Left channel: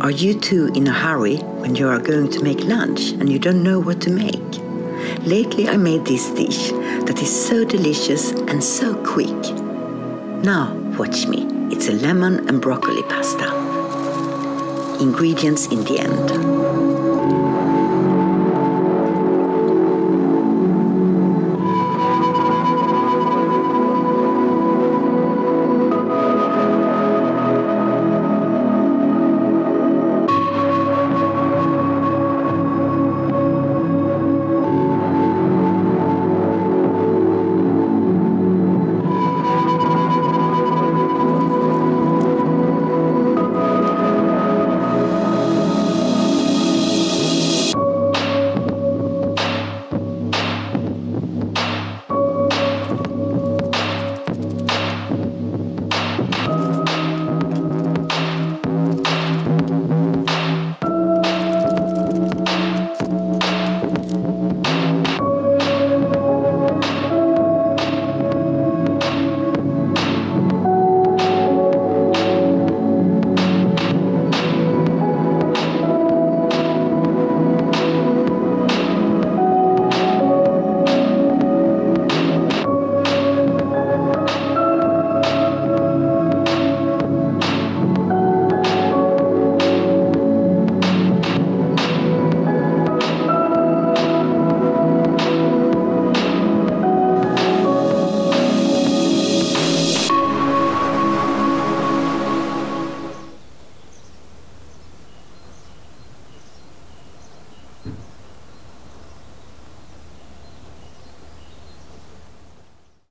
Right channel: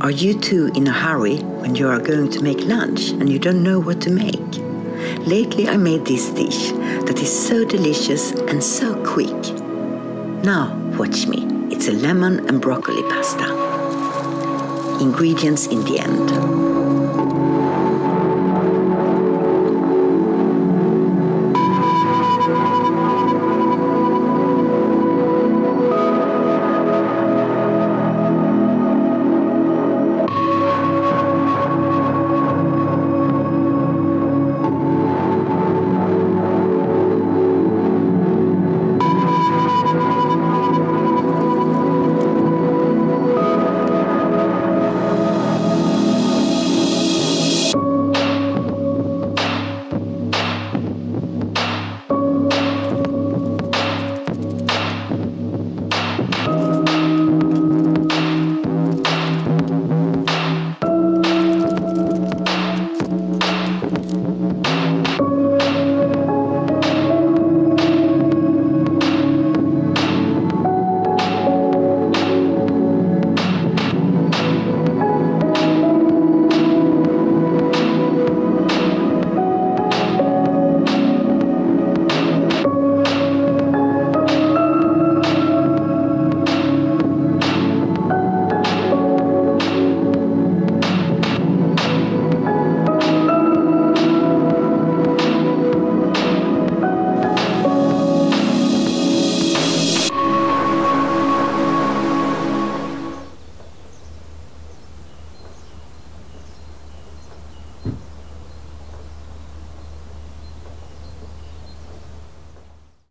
Are you too in a hurry when you are going to make lunch and you don't know what to make? Lately I made this dish that is so delicious and so quick. Now watch me, it's a lemon and broccoli pasta. Ingredients in the end.